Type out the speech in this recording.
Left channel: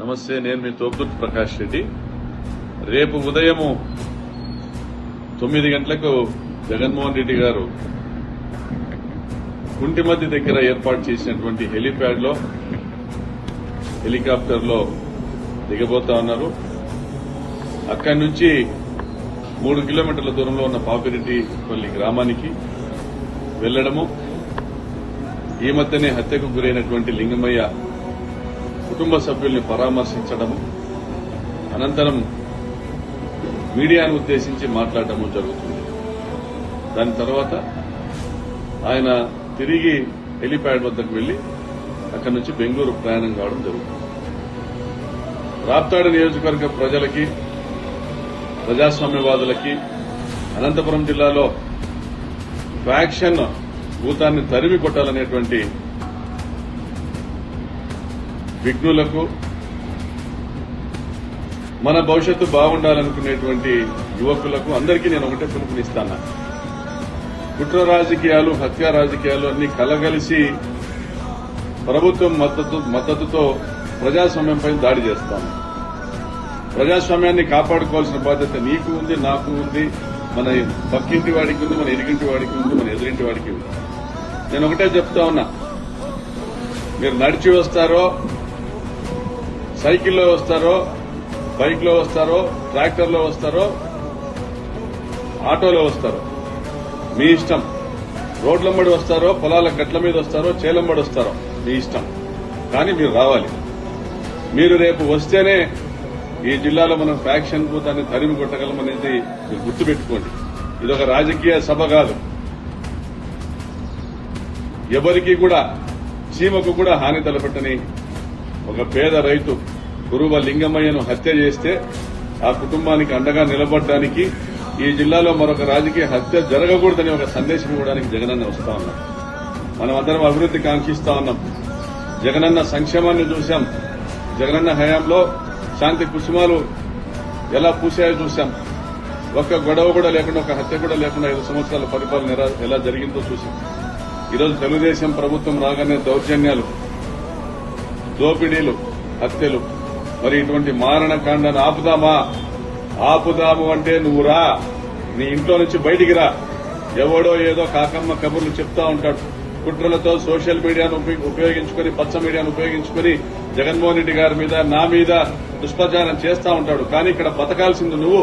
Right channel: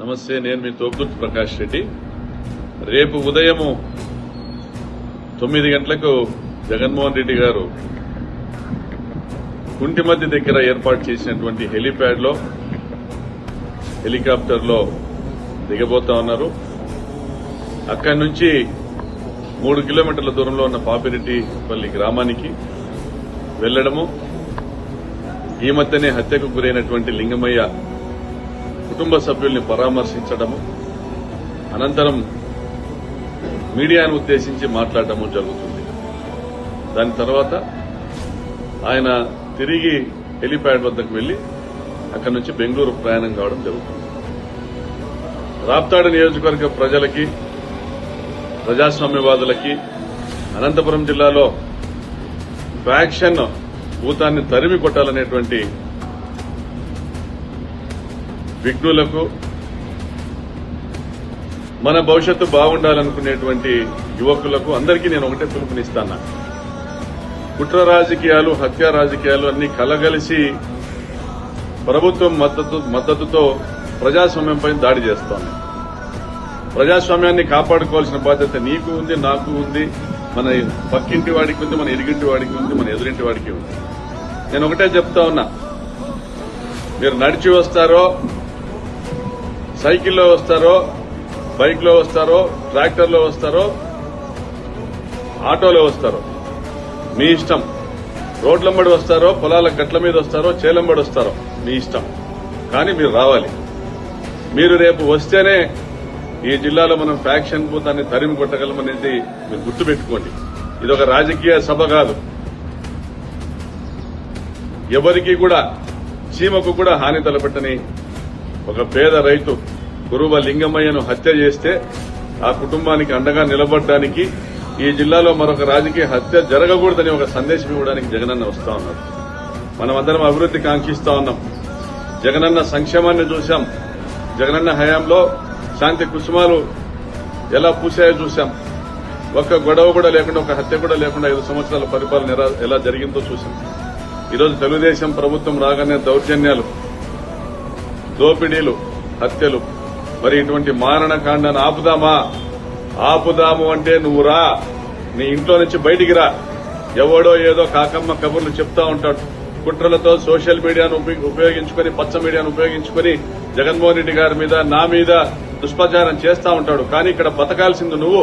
నమస్తే, నేను మీ తోపుదుర్తి ప్రకాష్ రెడ్డి. రేపు ఉదయము 9 గంటలకు జగన్మోహన్ రెడ్డి గారు కుంటిమద్ది దగ్గర ఏర్పాటు చేసినటువంటి హెలీప్యాడ్ లో హెలికాప్టర్ లో దిగబోతా ఉన్నారు. అక్కడి నుంచి 3 కిలోమీటర్ల దూరంలో ఉన్న పాపిరెడ్డిపల్లి గ్రామానికి వెళ్లడము, ఈ మధ్యనే హత్యకు గురైనటువంటి లింగమయ్య కుటుంబ సభ్యుల్ని పరామర్శించడము, అనంతరం మీడియాను ఉద్దేశించి మాట్లాడటము జరుగుతుంది. దాని తర్వాత ఆయన తిరిగి హెలీప్యాడ్ వద్దకు వెళ్లి అక్కడి నుంచి బెంగళూరు ప్రయాణం కావడం జరుగుతుంది. రాప్తాడు నియోజకవర్గ ప్రజలకి, ప్రజాస్వామ్యవాదులకి, అనంతపురం జిల్లాలో ఫ్యాక్షన్ భూతాన్ని తరిమి కొట్టాలనేటువంటి విఘ్నులకు, మన భవిష్యత్తు బాగుండాలనుకునేటువంటి యువకులకు అందరికీ నేను ఒకటే పిలుపునిస్తాను. కుట్ర రాజకీయాలు, హత్య రాజకీయాలు అన్ని కలగలిసి ప్రభుత్వం మద్దతుతో ప్రజాస్వామ్యంపై దాడి చేస్తాను. ప్రజాస్వామ్యాన్ని కాపాడుకోవాల్సిన బాధ్యత నీకు ఉంది, నాకు ఉంది, మన పక్కింటి వాడికి ఉంది, మన ఇరుగింటి వాడికి ఉంది, మన ఎదురింటి వాడికి ఉంది. నేను ఒకటే చెప్తా ఉన్నా, మీరు నడిచి వస్తారో, సైకిల్లో వస్తారో, బైక్ లో వస్తారో, ట్రాక్టర్లో వస్తారో, ఆటోలో వస్తారో మీ ఇష్టం. రోడ్లంబడి వస్తారో, పొలాల గట్ల మీద వస్తారో, చేలంబడి వస్తారో మీ ఇష్టం. కానీ మీరు రావాలి. మీరు రేపు వస్తేనే ఈ జిల్లాలో మనం ఫ్యాక్షన్ భూతాన్ని తరిమి కొట్టగలమనేది మీరు గుర్తుపెట్టుకోండి. ఇది ఒక రాజకీయ సభ కాదు. ఎవరికి కూడా, చీమకు కూడా హాని తలపెట్టని ఒక పేద రైతు కురువ లింగమయ్యను హత్య చేస్తే ఆ కుటుంబానికి అండగా నిలబడడానికి, ఈ జిల్లాలో మరొక రాజకీయ హత్య జరగకూడదని ఒక సందేశం ఇవ్వడానికి జగనన్న వస్తా ఉన్నారు. మనం అందరం అభివృద్ధి కాంక్షిస్తా ఉన్నాం. జగనన్న సంక్షేమాన్ని చూశాం. జగనన్న హయాంలో శాంతి కుసుమాలు ఎలా పూసాయో చూశాం. ఒక్క గొడవ కూడా లేకుండా, ఒక హత్య కూడా లేకుండా 5 సంవత్సరాల పరిపాలన ఎలా జరిగిందో చూశాం. ఈరోజు తెలుగుదేశం ప్రభుత్వం రాగానే దౌర్జన్యాలు, దోపిడీలు, హత్యలు. మరి ఇటువంటి మారణకాండను ఆపుదాము అంటే నువ్వు రా, నీ ఇంట్లో నుంచి బయటికి రా. ఎవడో ఏదో కాకమ్మ కబుర్లు చెప్తా ఉంటాడు. కుట్రలతో సోషల్ మీడియాను ఉపయోగించుకుని, పచ్చ మీడియాను ఉపయోగించుకుని జగన్మోహన్ రెడ్డి గారి మీద, నా మీద దుష్ప్రచారం చేస్తా ఉంటాడు. కానీ ఇక్కడ బతకాల్సింది నువ్వు.